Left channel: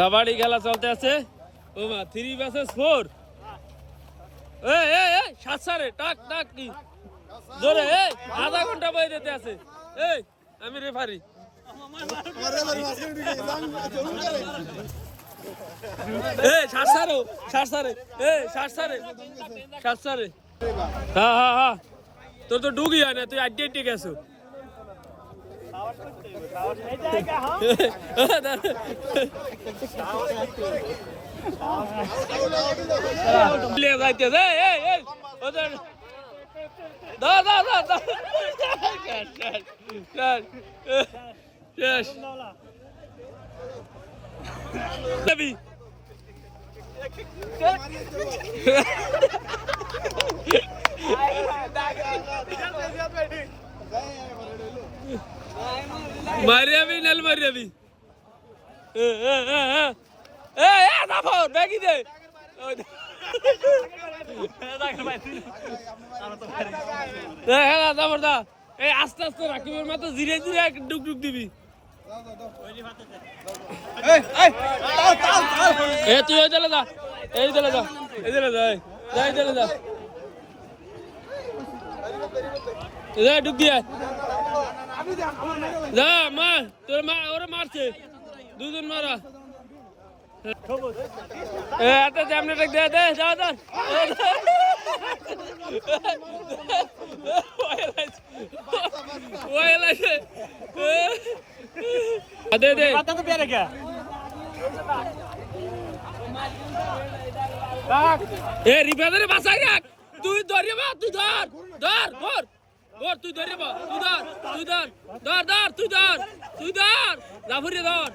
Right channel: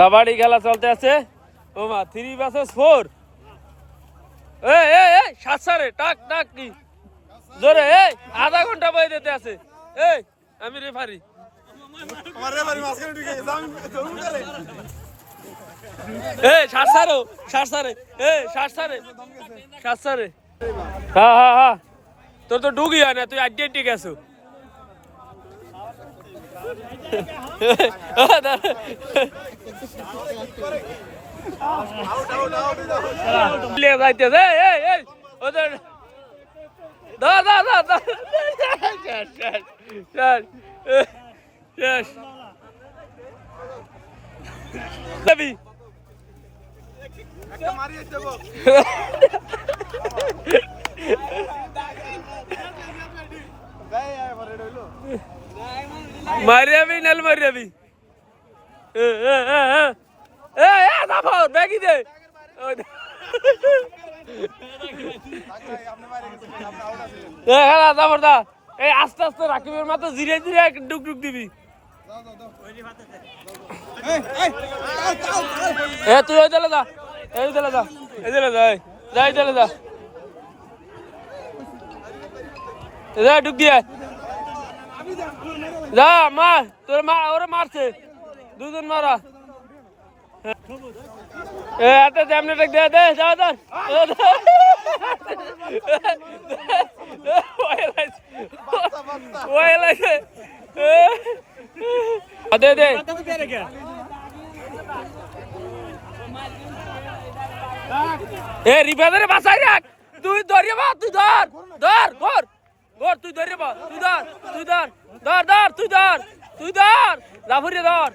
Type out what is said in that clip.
কাবাডি খেলা চলতে আছে। ও মা 3 vs 4। সাত সারে টাক টাক কি জোরে আধা ঘন্টা বই দিতে আছে। আমি রেফারি। হ্যাঁ তোর তো ডুগি হয় না, তুই আড্ডি আড্ডি গেছো। মারিয়া भी नल मारिया भी देखी दे আস্তে আস্তে রাকিবের মাথা ধীরে ধীরে ডুক ডুক দিবি। তুই ওই চলে যা, এই চলে যা, এই চলে যা, যাই চলে যা, ডুক দিয়ে যা মার। তোর মা ওরা মারছে, দুজন মারা। এত সামনে দে দে যা ধর দে দে রিফাদারে বাঁচাই রাখ। তুই ধরে বা, তুই ধর ধর ধর ধর, তুই ধরে বা, তুই ধর তুই ধর ধর ধর তুই ধর তুই ধর লাফুরিয়ে ধর।